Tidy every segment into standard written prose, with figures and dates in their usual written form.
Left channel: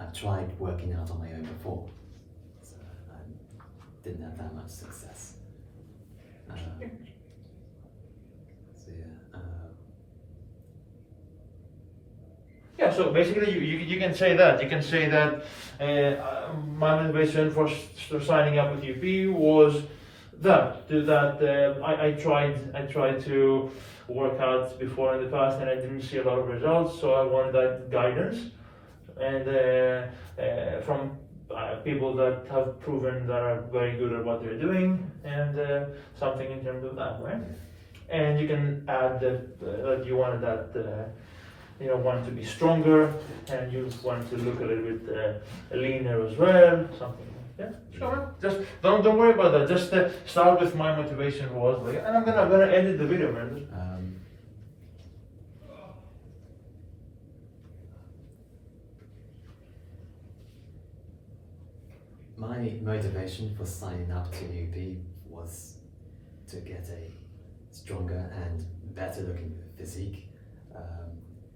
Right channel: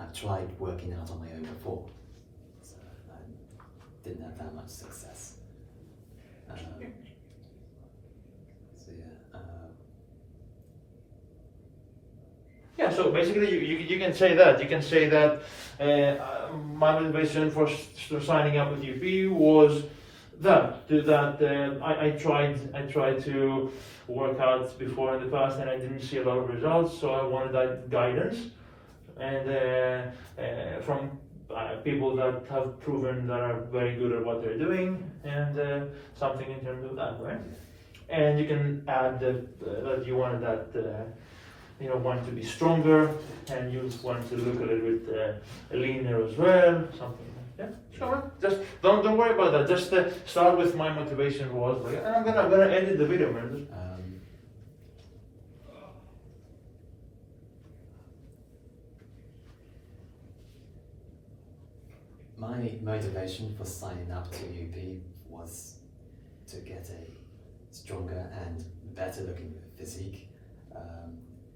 I've tried working out on my own before, so I didn't have that much success. Yeah, so basically you can say that. You can say that my motivation for signing up with UP was I tried to work out before in the past and I didn't see a lot of results, so I wanted that guidance and from people that have proven that are very good at what they're doing, and something in terms of that, right? And you can add that you wanted that want to be stronger, and you want to look a little bit leaner as well, something. Yeah, sure. Just don't worry about that. Just start with my motivation was, and I'm gonna edit the video, man. My motivation for signing up to UP was to get a stronger and better looking physique,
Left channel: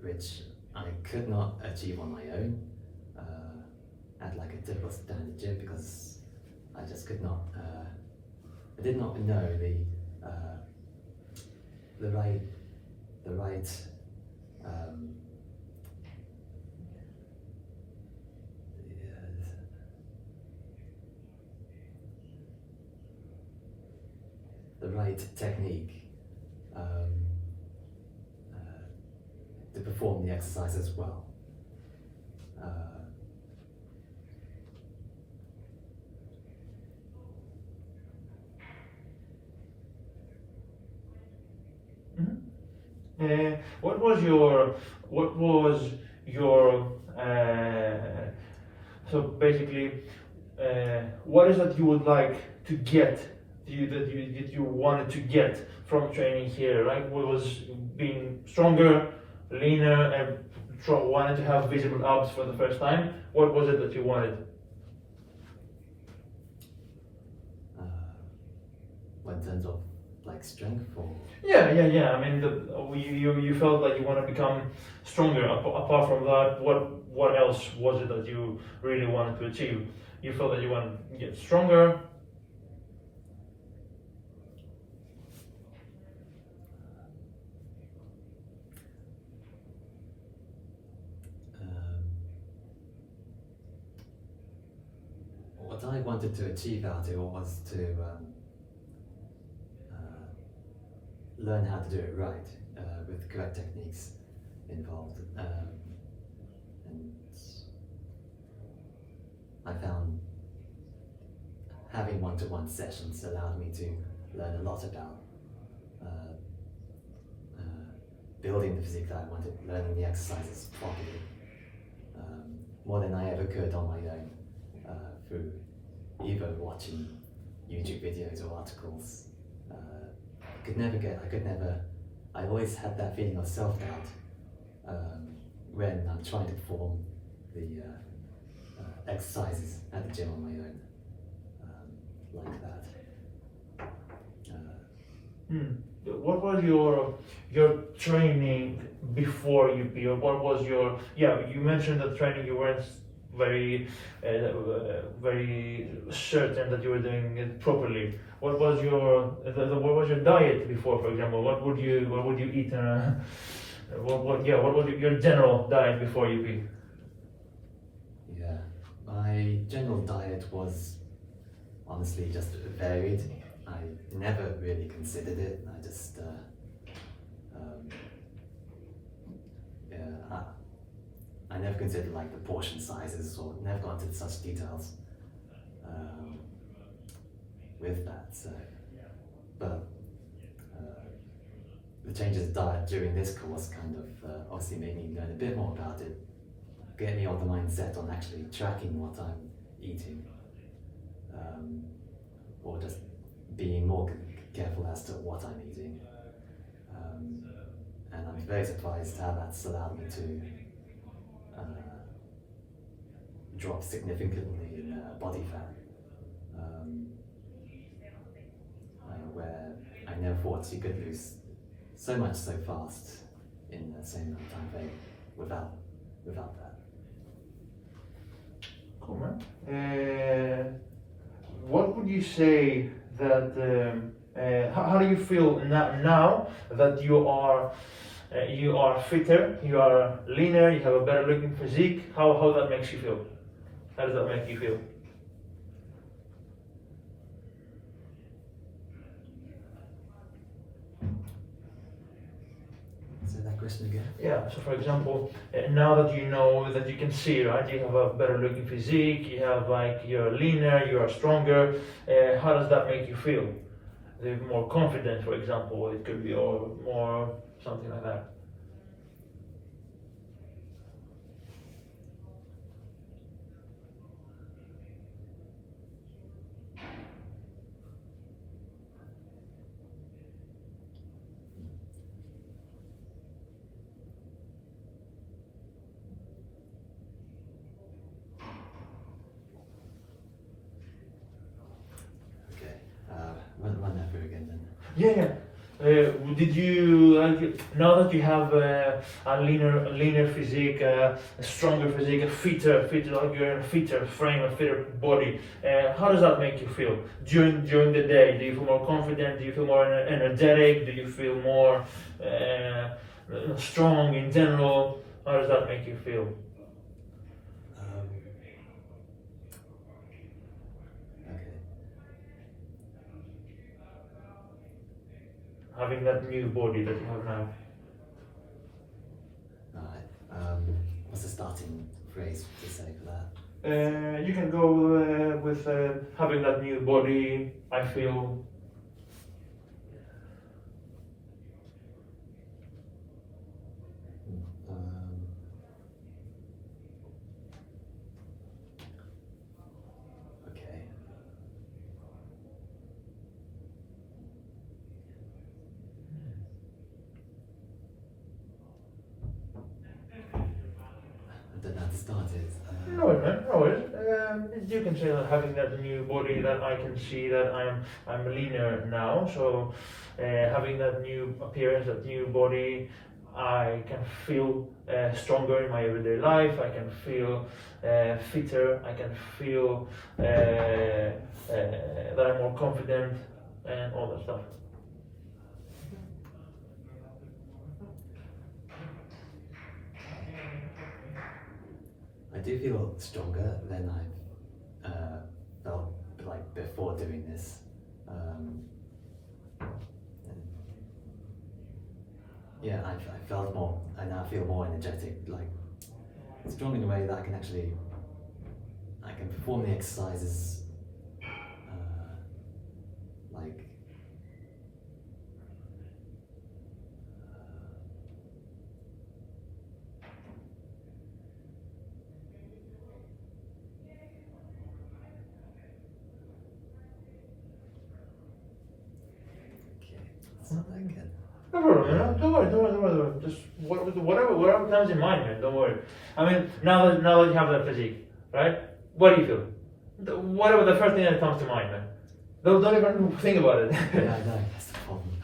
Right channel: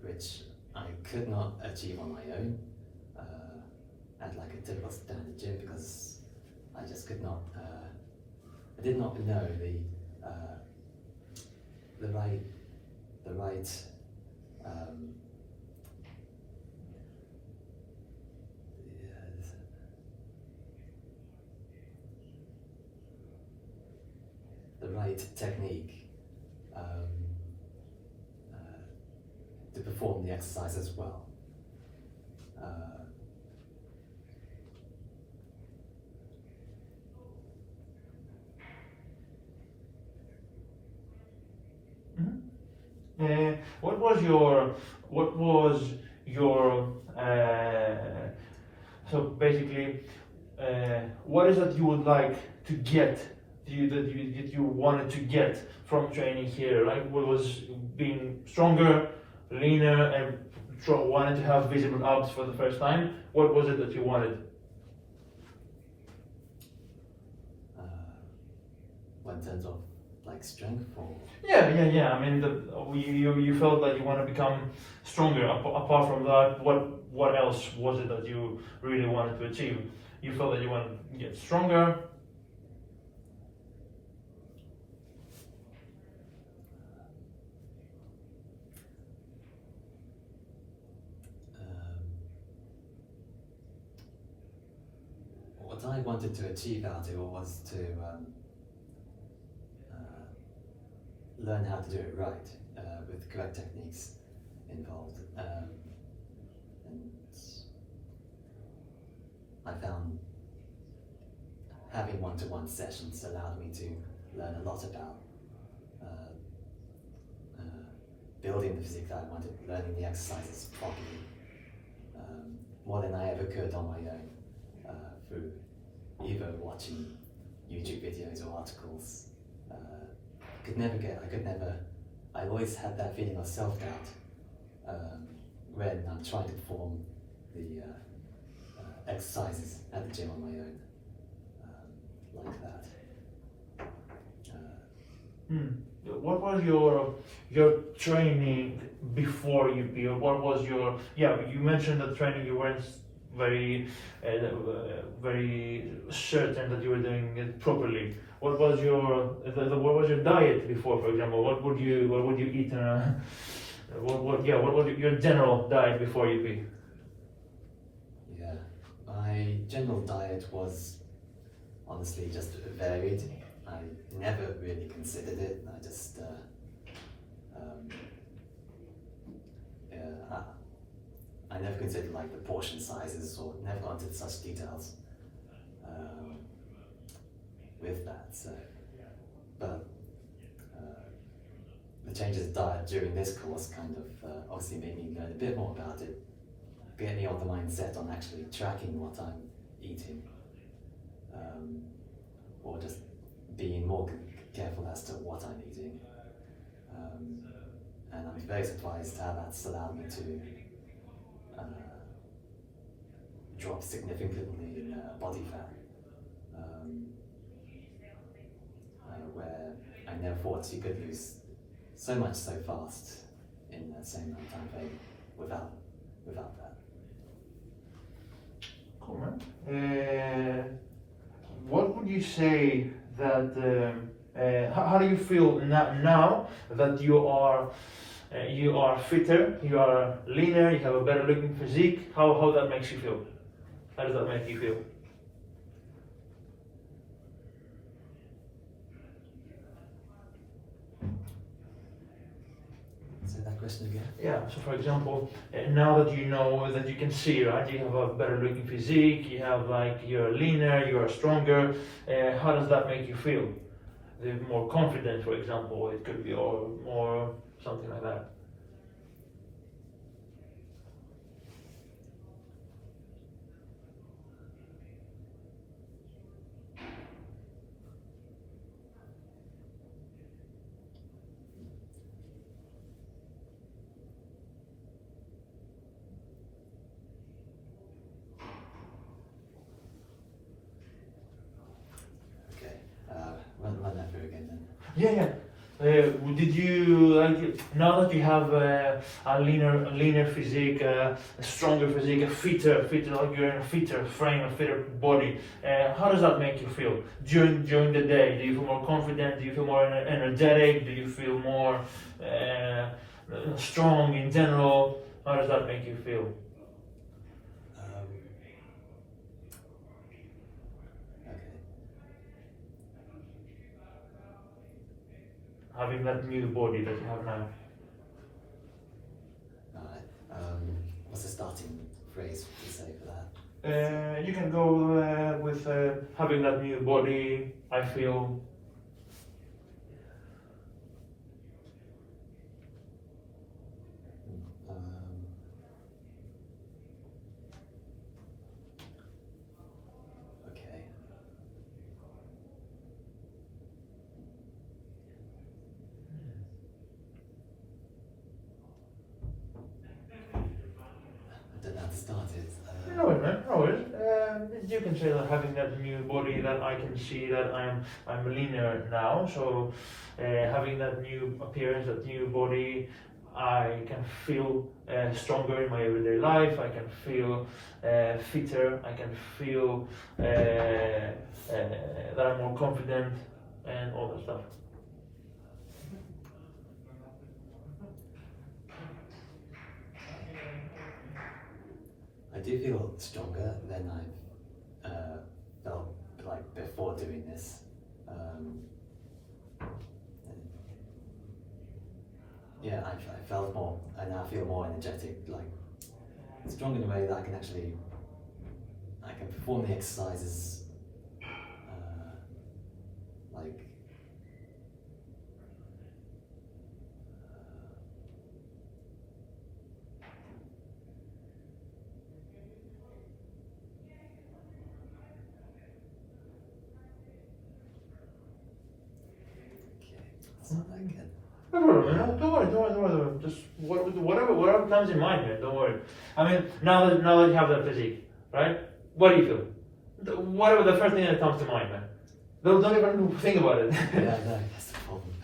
which I could not achieve on my own at like a typical standard gym, because I just could not, I did not know the right technique to perform the exercise as well. What was your so basically what is it you would like to get that you wanted to get from training here? Like, what was being stronger, leaner, and wanted to have visible abs for the first time? What was it that you wanted? In terms of like strength, or yeah. I mean, you felt that you want to become stronger. Apart from that, what else was it that you really wanted to achieve? You felt that you wanted to get stronger. What I wanted to achieve out of it was to learn how to do it right, with correct techniques involved. And I found having one-to-one sessions allowed me to learn a lot about building the physique that I wanted, learning the exercises properly, more than I ever could on my own, through either watching YouTube videos or articles. I always had that feeling of self-doubt when I'm trying to perform the exercises at the gym on my own, like that. What was your training before UP, or what was your, you mentioned that training you weren't very certain that you were doing it properly. What was your diet before, for example? What would you eat in a what was your general diet before UP? Yeah, my general diet was honestly just varied. I never really considered it. I just I never considered like the portion sizes, or never got into such details with that. So, but the changes in diet during this course kind of obviously made me learn a bit more about it, get me on the mindset on actually tracking what I'm eating, or just being more careful as to what I'm eating. And I'm very surprised how that's allowed me to drop significantly in body fat, where I never thought you could lose so much so fast in the same time frame without that. what would you say that how do you feel now that you are fitter, you are leaner, you have a better looking physique? How that makes you feel? How does that make you feel? Say that question again. Yeah, so for example, now that you know that you can see, right, you have a better looking physique, you have like, you're leaner, you are stronger, how does that make you feel? They're more confident, for example, it could be, or more something like that. Okay. Run that through again then. Yeah. Did you like, now that you have a leaner physique, a stronger physique, a fitter, like you're in a fitter frame, a fitter body? How does that make you feel during the day? Do you feel more confident? Do you feel more energetic? Do you feel more strong in general? How does that make you feel? Okay. Having that new body that you have now. Alright. What's the starting phrase to say for that? You can go with having that new body. I feel. Okay. I don't know how to start it. No, man, no. You can say that having that new body, that I can see that I'm leaner now. So having that new appearance, that new body, I can feel stronger in my everyday life. I can feel fitter. I can feel that I'm more confident and all that stuff. I do feel stronger than I've felt like before doing this. And yeah, I felt more. I now feel more energetic, like strong in a way that I can perform the exercises like. It's not that good. Don't worry. Just whatever comes in mind, man. Don't worry. I mean, now that you have that physique, right? What do you feel? Whatever the first thing that comes to mind, man. Don't even think about it. Yeah, I know, that's the problem.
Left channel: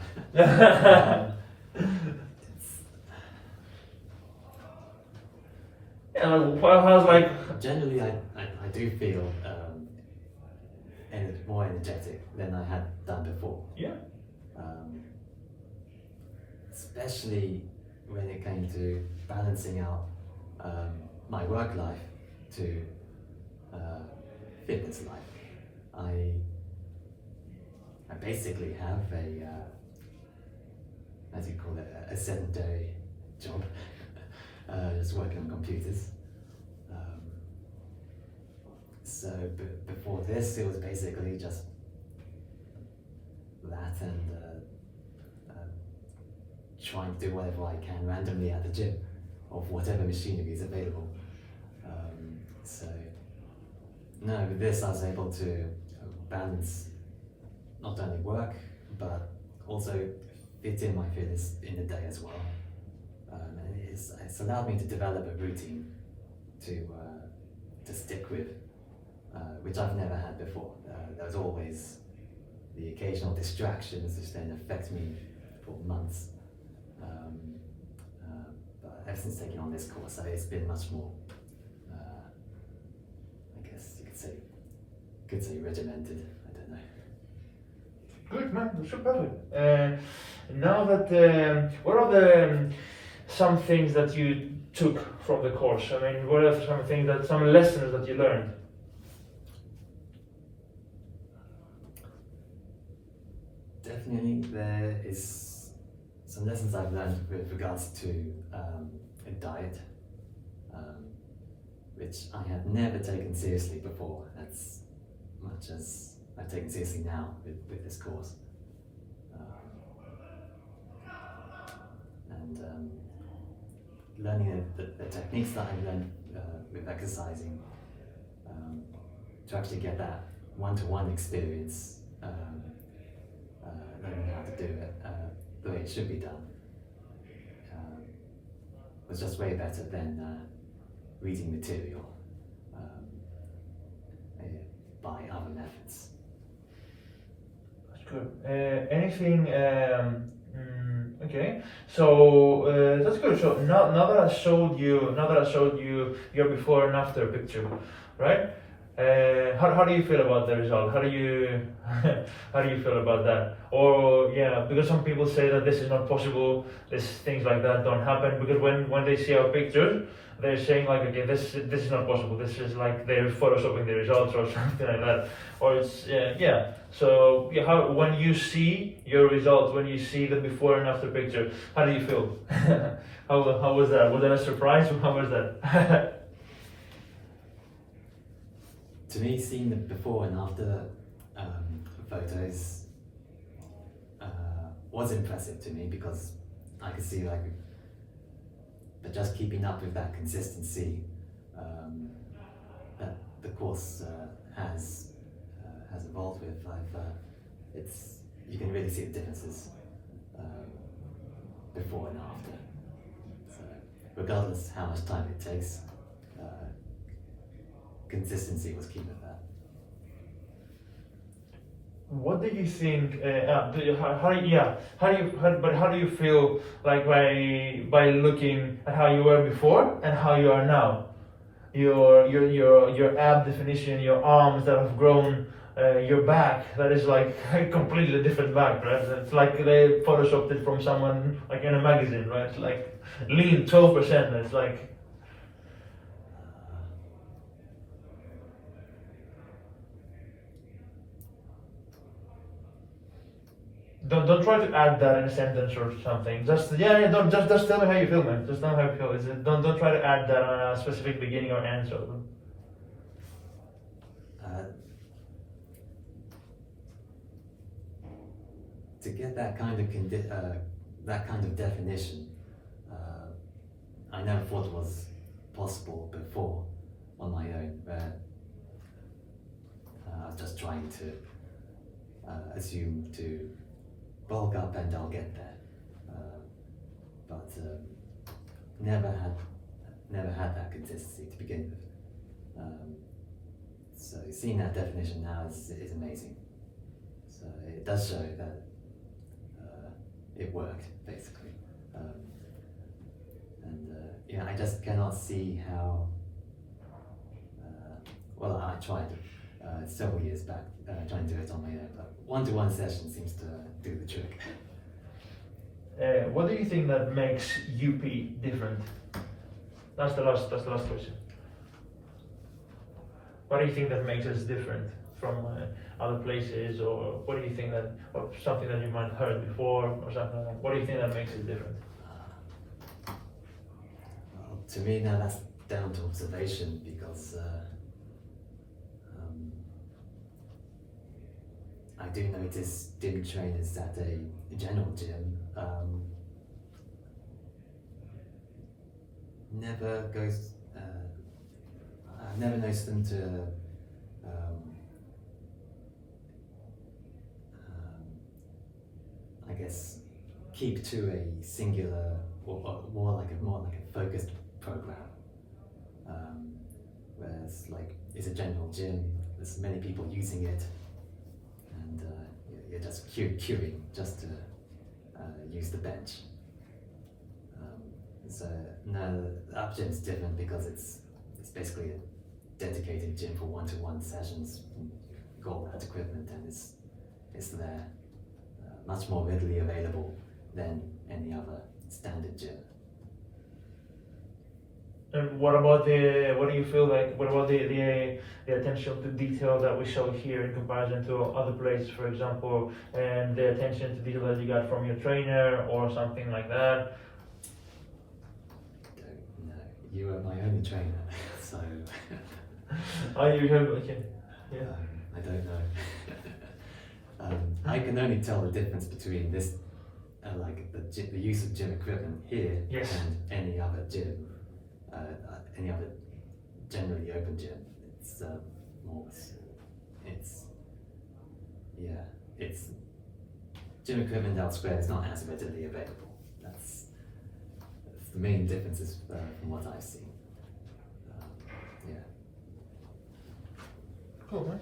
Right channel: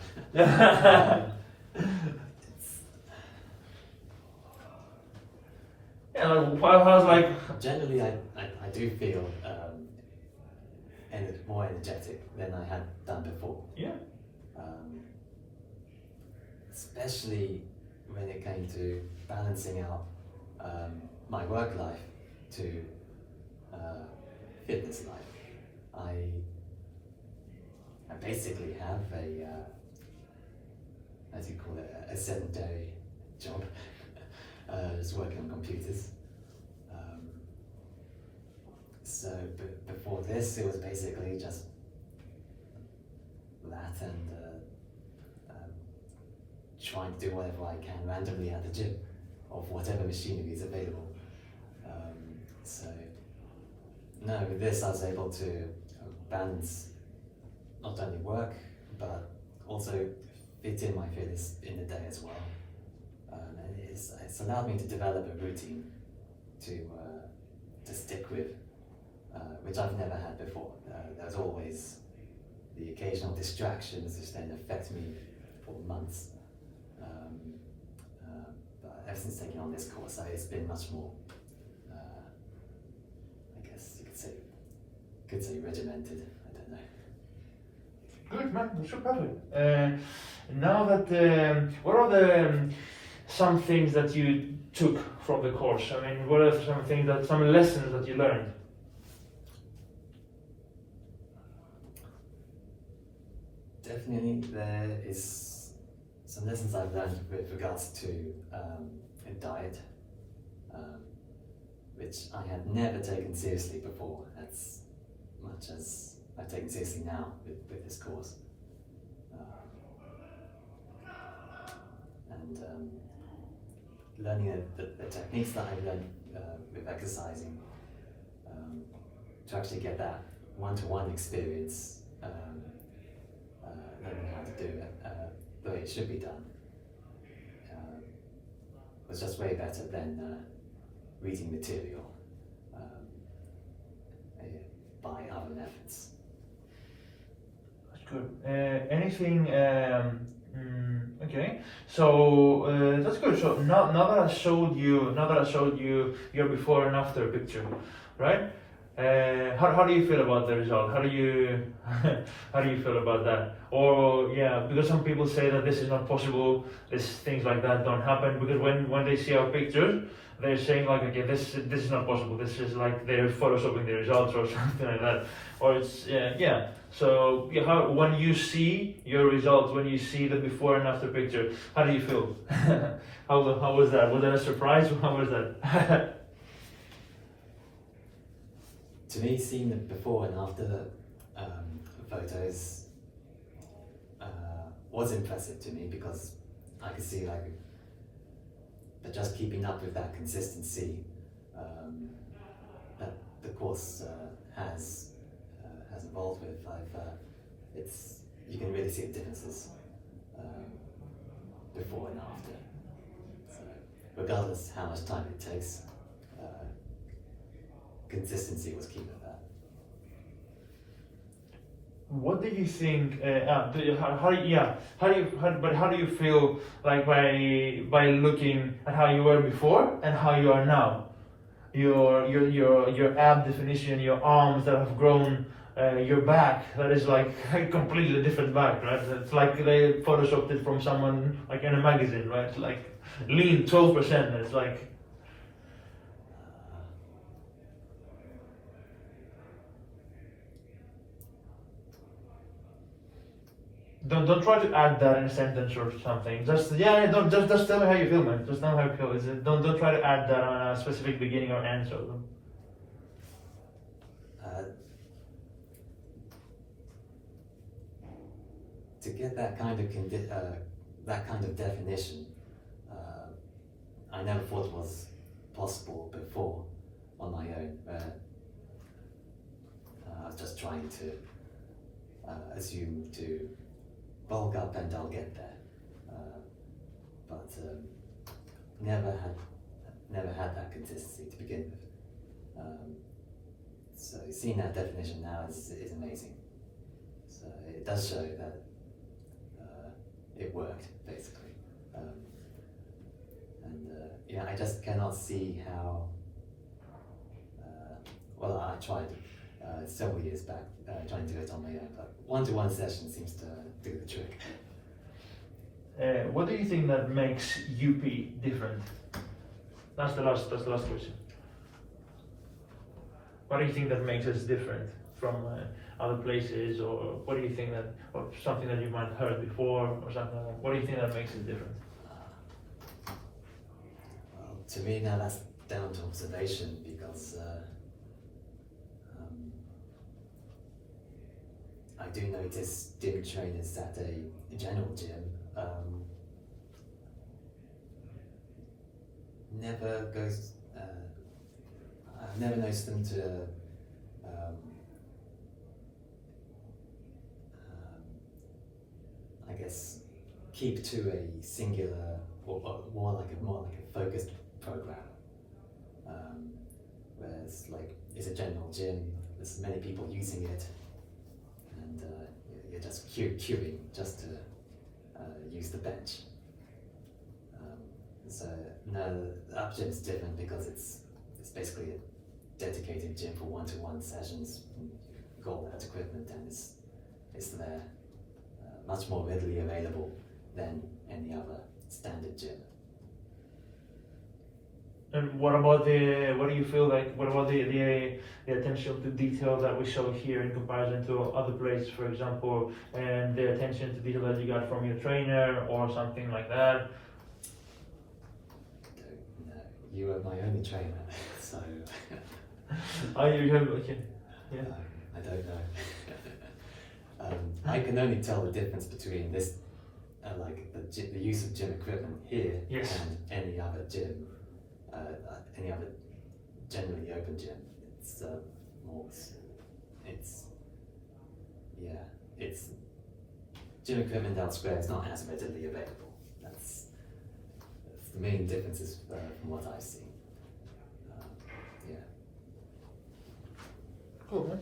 How's like? Generally, I do feel more energetic than I had done before. Yeah. Especially when it came to balancing out my work life to fitness life. I basically have a as you call it, a sedentary job, just working on computers. So before this, it was basically just that and trying to do whatever I can randomly at the gym of whatever machinery is available. So no, with this I was able to balance not only work but also fit in my fitness in the day as well. And it's allowed me to develop a routine to stick with, which I've never had before. There's always the occasional distractions which then affect me for months. But ever since taking on this course, it's been much more, I guess you could say regimented. I don't know. Good man, that's super perfect. Now that, what are some things that you took from the course? I mean, what are some lessons that you learned? Definitely, there is some lessons I've learned with regards to a diet, which I had never taken seriously before, as much as I've taken seriously now with this course. And learning the techniques that I learned with exercising to actually get that one-to-one experience, learning how to do it the way it should be done, was just way better than reading material by other methods. That's good. Anything? Okay. So that's good. So now that I showed you your before and after picture, right? How do you feel about the result? How do you feel about that? Or yeah, because some people say that this is not possible, things like that don't happen, because when they see our pictures, they're saying like, okay, this is not possible. This is like they're photoshopping the results or something like that. Or it's yeah. So yeah, when you see your results, when you see the before and after picture, how do you feel? how was that? Was that a surprise? How was that? To me, seeing the before and after photos was impressive to me, because I could see like, but just keeping up with that consistency that the course has evolved with. You can really see the differences before and after. So regardless how much time it takes, consistency was key with that. What do you think? How do you feel like by looking at how you were before and how you are now? Your ab definition, your arms that have grown, your back that is like a completely different back, right? It's like they photoshopped it from someone like in a magazine, right? It's like lean 12%. It's like. Don't try to add that in a sentence or something. Just don't just tell me how you feel, man. Just tell me how you feel. Don't try to add that on a specific beginning or end. So. To get that kind of definition, I never thought it was possible before on my own. Where I was just trying to assume to bulk up and I'll get there, but never had that consistency to begin with. So seeing that definition now is amazing. So it does show that it worked basically, and I just cannot see how. Well, I tried several years back trying to do it on my own, but one-to-one session seems to do the trick. What do you think that makes UP different? That's the last question. What do you think that makes us different from other places, or what do you think that, or something that you might have heard before, or something like that? What do you think that makes it different? Well, to me now that's down to observation, because I do notice gym trainers at a general gym never goes. I've never noticed them to I guess keep to a singular or more like a focused program. Whereas like it's a general gym, there's many people using it, and you're just queuing just to use the bench. So no, the up gym is different because it's basically a dedicated gym for one-to-one sessions. You've got all that equipment, and it's there, much more readily available than any other standard gym. And what about what do you feel like, what about the attention to detail that we show here in comparison to other places, for example, and the attention to detail that you got from your trainer or something like that? Don't know. You are my only trainer, so. Oh, you have, okay. Yeah. I don't know. I can only tell the difference between this, like the use of gym equipment here Yes. and any other gym, any other generally open gym. It's more, it's gym equipment elsewhere is not as readily available. That's the main differences from what I've seen. Yeah. Cool, man.